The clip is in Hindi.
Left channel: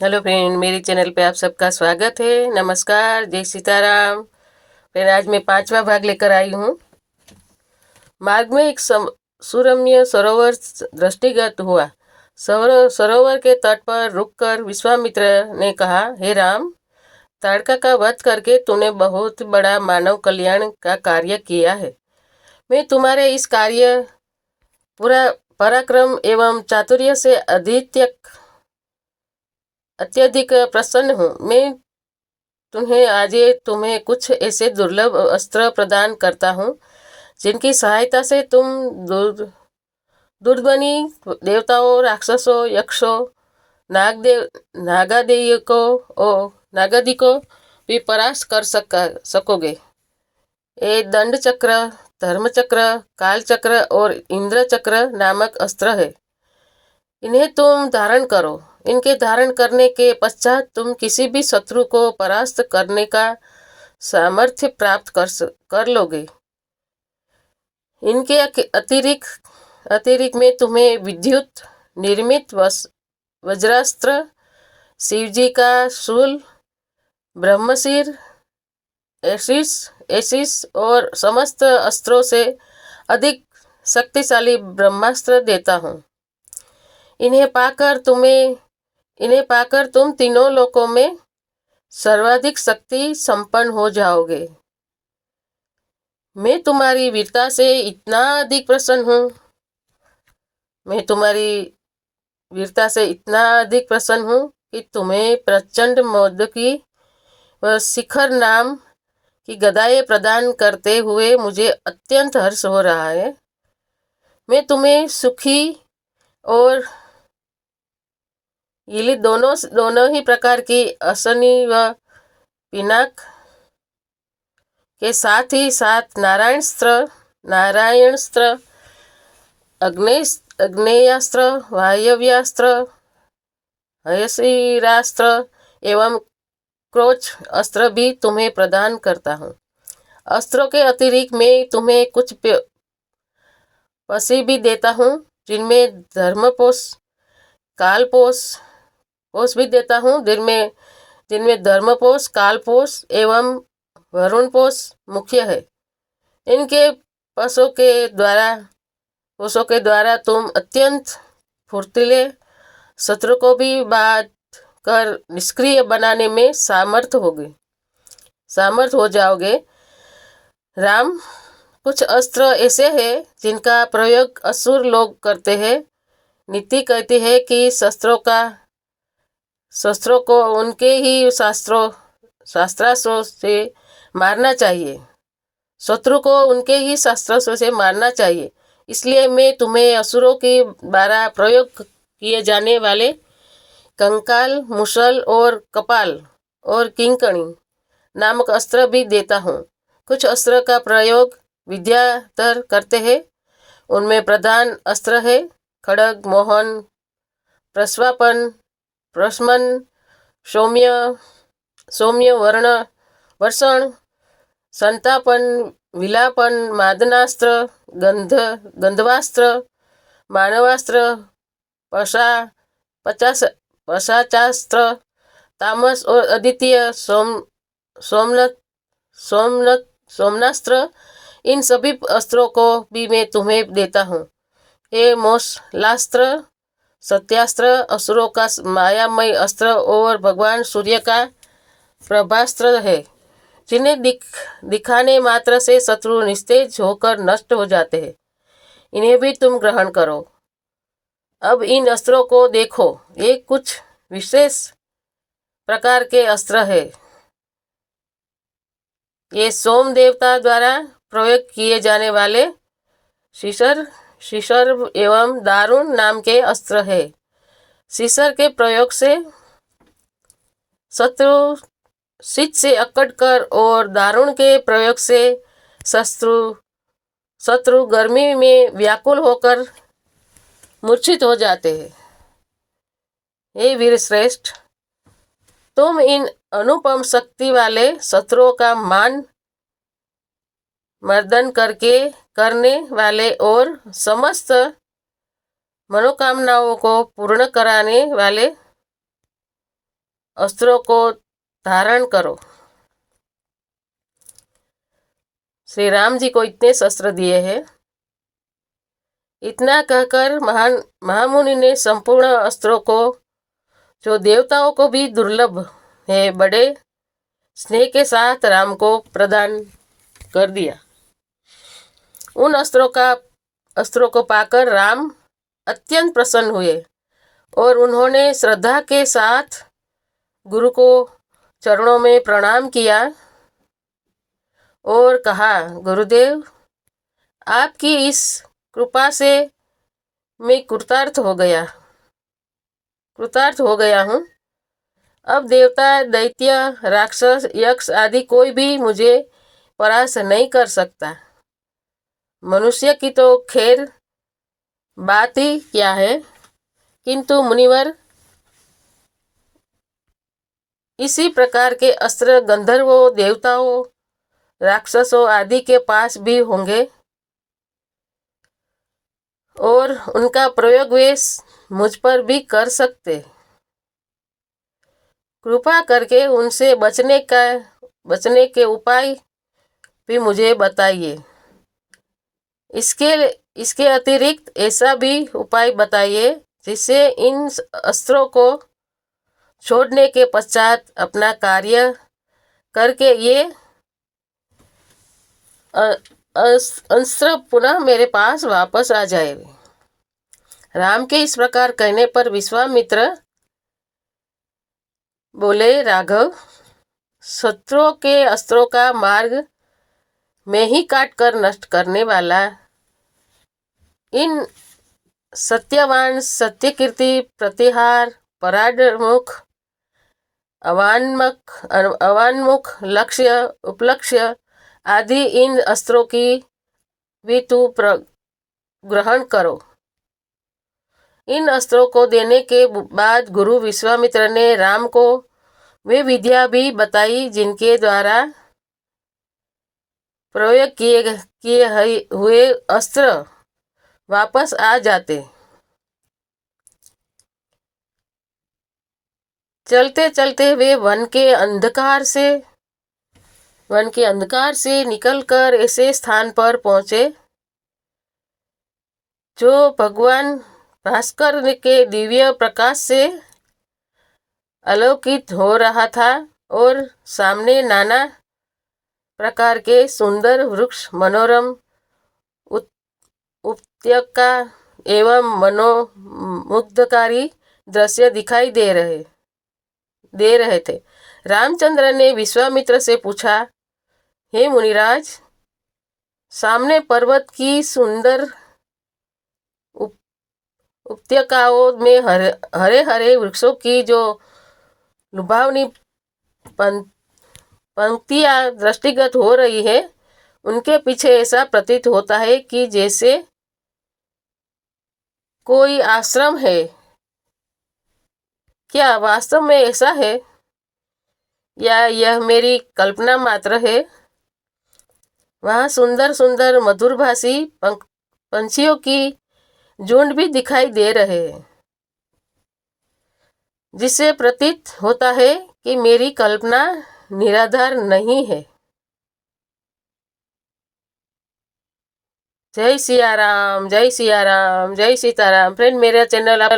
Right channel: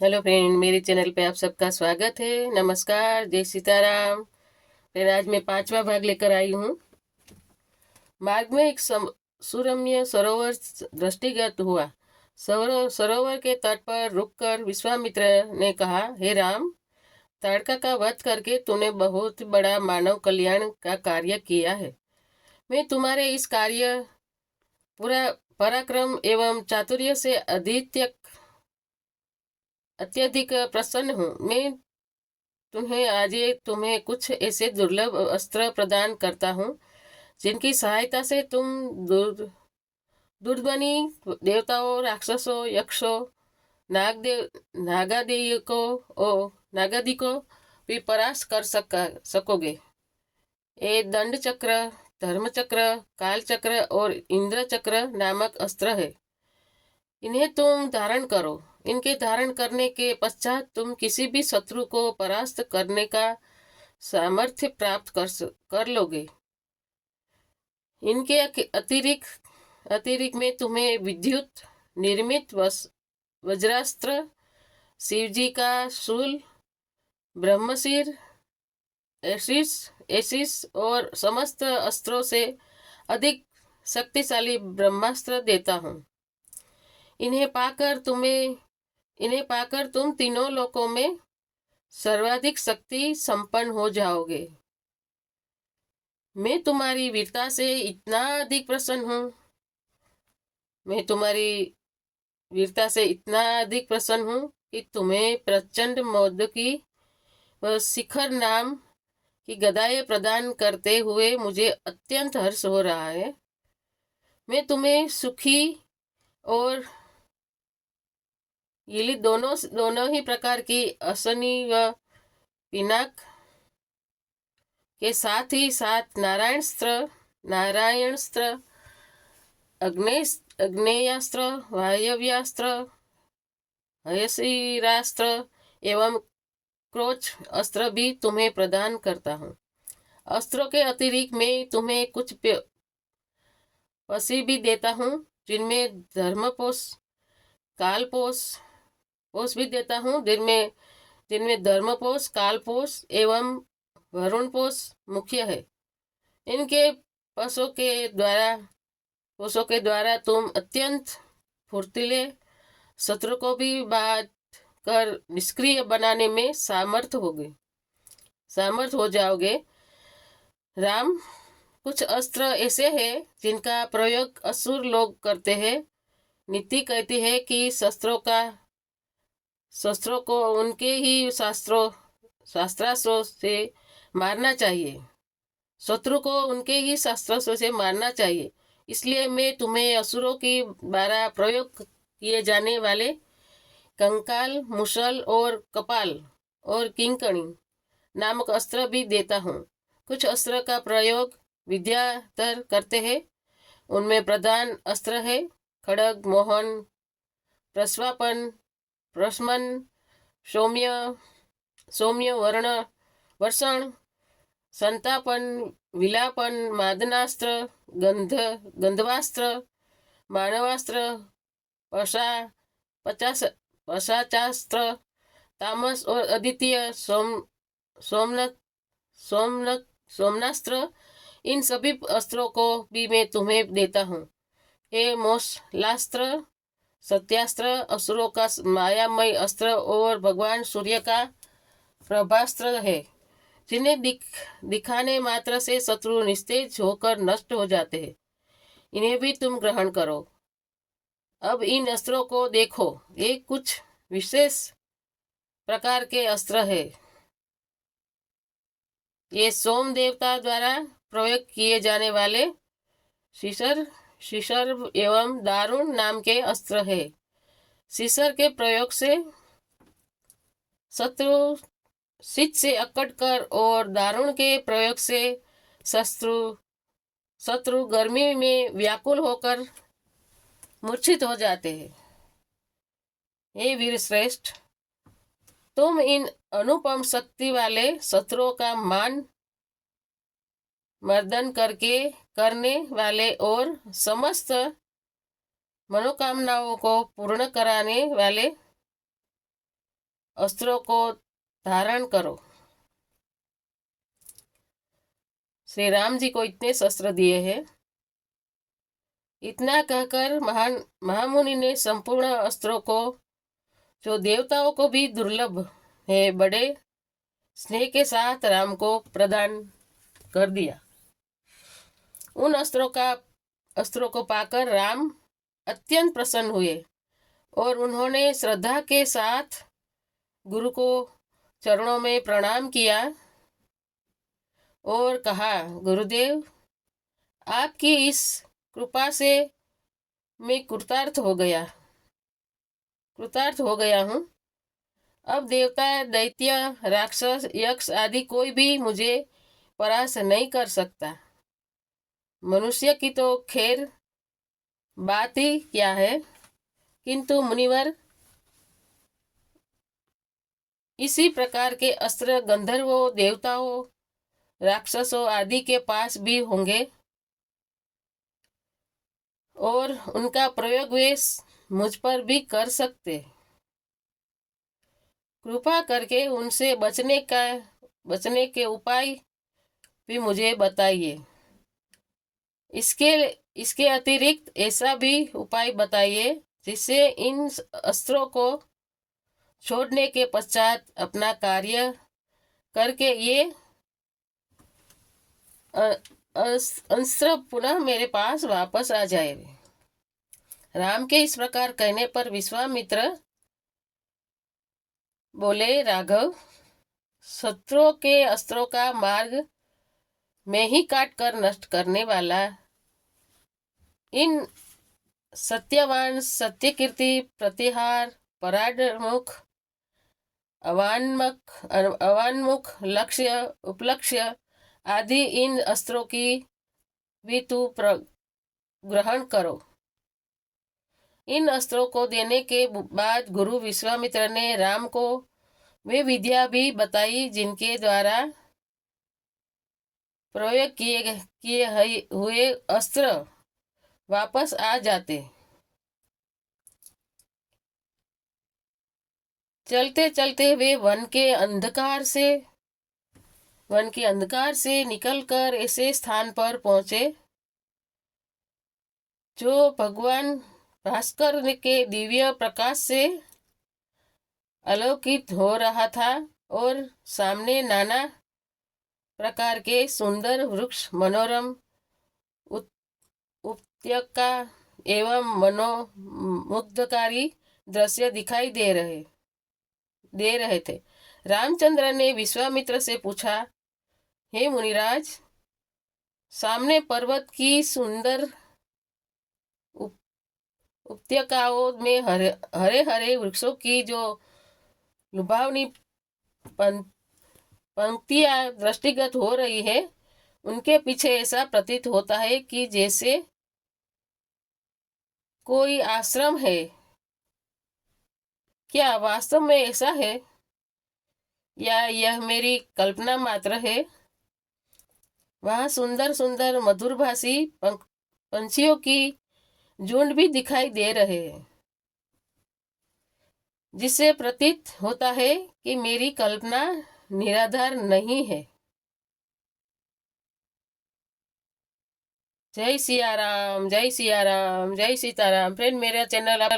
हेलो फ्रेंड, मेरे चैनल पे आप सबका स्वागत है। नमस्कार, जय सीताराम। फिर आज मैं 5वां भाग लेकर आई हूँ। मार्ग में एक सुरम्य सरोवर दृष्टिगत हुआ। सरोवर के तट पर रुककर विश्वामित्र ने कहा, हे राम, ताड़का का वध करके तूने बहुत बड़ा मानव कल्याण का कार्य किया है। मैं तुम्हारे इस कार्य पूरा पराक्रम एवं चातुर्य से अत्यधिक प्रसन्न हूँ। मैं तुम्हें कुछ ऐसे दुर्लभ अस्त्र प्रदान करता हूँ जिनकी सहायता से तुम दुर्दमनी देवताओं, राक्षसों, यक्षों, नागदेव नागादिको भी परास्त कर सकोगे। ये दंड चक्र, धर्म चक्र, काल चक्र और इंद्र चक्र नामक अस्त्र है। इन्हें तुम धारण करो। इनके धारण करने के पश्चात तुम किसी भी शत्रु को परास्त करने का सामर्थ्य प्राप्त कर लोगे। इनके अतिरिक्त में तुम्हें विद्युत निर्मित वज्रास्त्र, शिवजी का शूल, ब्रह्मशीर, एसिस और समस्त अस्त्रों से अधिक शक्तिशाली ब्रह्मास्त्र देता हूँ। इन्हें पाकर तुम तीनों लोकों में सर्वाधिक शक्ति संपन्न हो जाओगे। मैं तुम्हारी वीरता से इतना अधिक प्रसन्न हूँ मैं तुम्हारी वीरता से इतना अधिक प्रसन्न हूँ कि तुम्हें प्रचंड मौदकी व शिखर नाम की गदाएं प्रदान करते हुए मुझे अत्यंत हर्ष हो रहा है। मैं तुम्हें सुखी और ये दोनों दोनों ही प्रकार की असनी व पिनाक के साथ ही साथ नारायणास्त्र, अग्नेयास्त्र, वायव्यास्त्र, हयशिरास्त्र एवं क्रोच अस्त्र भी तुम्हें प्रदान करता हूँ। अस्त्रों के अतिरिक्त मैं तुम्हें कुछ पसी भी देता हूँ, जिनमें धर्मपोष, कालपोष भी देता हूँ, जिनमें धर्मपोष, कालपोष एवं वरुणपोष मुख्य है। इनके पोषों के द्वारा तुम अत्यंत फुर्तीले, शत्रु को भी बात कर निष्क्रिय बनाने में सामर्थ हो जाओगे। राम, कुछ अस्त्र ऐसे हैं जिनका प्रयोग असुर लोग करते हैं। नीति कहती है कि शस्त्रों को उनके ही शास्त्रास्त्रों से मारना चाहिए। शत्रु को उनके ही शास्त्रास्त्रों से मारना चाहिए। इसलिए मैं तुम्हें असुरों के द्वारा प्रयोग किए जाने वाले कंकाल, मुसल और कपाल और किंकणी नामक अस्त्र भी देता हूँ। कुछ अस्त्र का प्रयोग विद्याधर करते हैं। उनमें प्रधान अस्त्र है खड़ग, मोहन, प्रस्मन, सौम्य वर्षण, संतापन, विलापन, मादनास्त्र, गंधवास्त्र, मानवास्त्र, पशाचास्त्र, तामस और अद्वितीय सोमनास्त्र। इन सभी अस्त्रों को भी मैं तुम्हें देता हूँ। ये मौसलास्त्र, सत्यास्त्र, असुरों का मायामय अस्त्र और भगवान सूर्य का प्रभास्त्र है, जिन्हें दिखाने मात्र से शत्रु निस्तेज होकर नष्ट हो जाते हैं। इन्हें भी तुम ग्रहण करो। अब इन अस्त्रों को देखो। ये कुछ विशेष प्रकार के अस्त्र है। ये सोम देवता द्वारा प्रयोग किए जाने वाले शीशर एवं दारुण नाम के अस्त्र है। शीशर के प्रयोग से शत्रु शीत से अकड़ कर और दारुण के प्रयोग से शत्रु गर्मी में व्याकुल होकर मूर्छित हो जाते हैं। हे वीर श्रेष्ठ, तुम इन अनुपम शक्ति वाले शत्रुओं का मर्दन करने वाले और समस्त मनोकामनाओं को पूर्ण कराने वाले अस्त्रों को धारण करो। श्री राम जी को इतने शस्त्र दिए हैं। इतना कहकर महामुनि ने संपूर्ण अस्त्रों को, जो देवताओं को भी दुर्लभ है, बड़े स्नेह के साथ राम को प्रदान कर दिया। उन अस्त्रों को पाकर राम अत्यंत प्रसन्न हुए और उन्होंने श्रद्धा के साथ गुरु को चरणों में प्रणाम किया और कहा, गुरुदेव, आपकी इस कृपा से मैं कृतार्थ हो गया हूँ। अब देवता, दैत्य, राक्षस, यक्ष आदि कोई भी मुझे परास्त नहीं कर सकता। मनुष्य की तो खैर बात ही क्या है, किंतु मुनिवर, इसी प्रकार के अस्त्र गंधर्वों, देवताओं, राक्षसों आदि के पास भी होंगे और उनका प्रयोग वे मुझ पर भी कर सकते। कृपा करके उनसे बचने के उपाय भी मुझे बताइए। इसके अतिरिक्त ऐसा भी उपाय बताइए जिससे इन अस्त्रों को छोड़ने के पश्चात अपना कार्य करके ये अस्त्र पुनः मेरे पास वापस आ जाए। राम के इस प्रकार कहने पर विश्वामित्र बोले, राघव, शत्रुओं के अस्त्रों का मार्ग मैं ही काट कर नष्ट करने वाला इन सत्यवान, सत्यकीर्ति, प्रतिहार, पराडमुख, अवान्मुख, लक्ष्य, उपलक्ष्य आदि इन अस्त्रों की भी तू ग्रहण करो। इन अस्त्रों को देने के बाद गुरु विश्वामित्र ने राम को वे विद्या भी बताई जिनके द्वारा प्रयोग किए हुए अस्त्र वापस आ जाते। चलते चलते वे वन के अंधकार से निकलकर ऐसे स्थान पर पहुंचे जो भगवान भास्कर के दिव्य प्रकाश से अलौकित हो रहा था और सामने नाना प्रकार के सुंदर वृक्ष, मनोरम उपत्यका एवं मनोमुग्धकारी दृश्य दिखाई दे रहे थे। रामचंद्र ने विश्वामित्र से पूछा, हे मुनिराज, सामने पर्वत की सुंदर उपत्यकाओं में हरे हरे वृक्षों की जो लुभावनी पंक्तियां दृष्टिगत हो रही है, उनके पीछे ऐसा प्रतीत होता है कि जैसे कोई आश्रम है। क्या वास्तव में ऐसा है या यह मेरी कल्पना मात्र है? वहाँ सुंदर सुंदर मधुरभाषी पंछियों की झुंड भी दिखाई दे रहे हैं, जिससे प्रतीत होता है कि मेरी कल्पना निराधार नहीं है। जय सिया राम, जय सिया राम, जय सीताराम। फ्रेंड, मेरा चैनल आप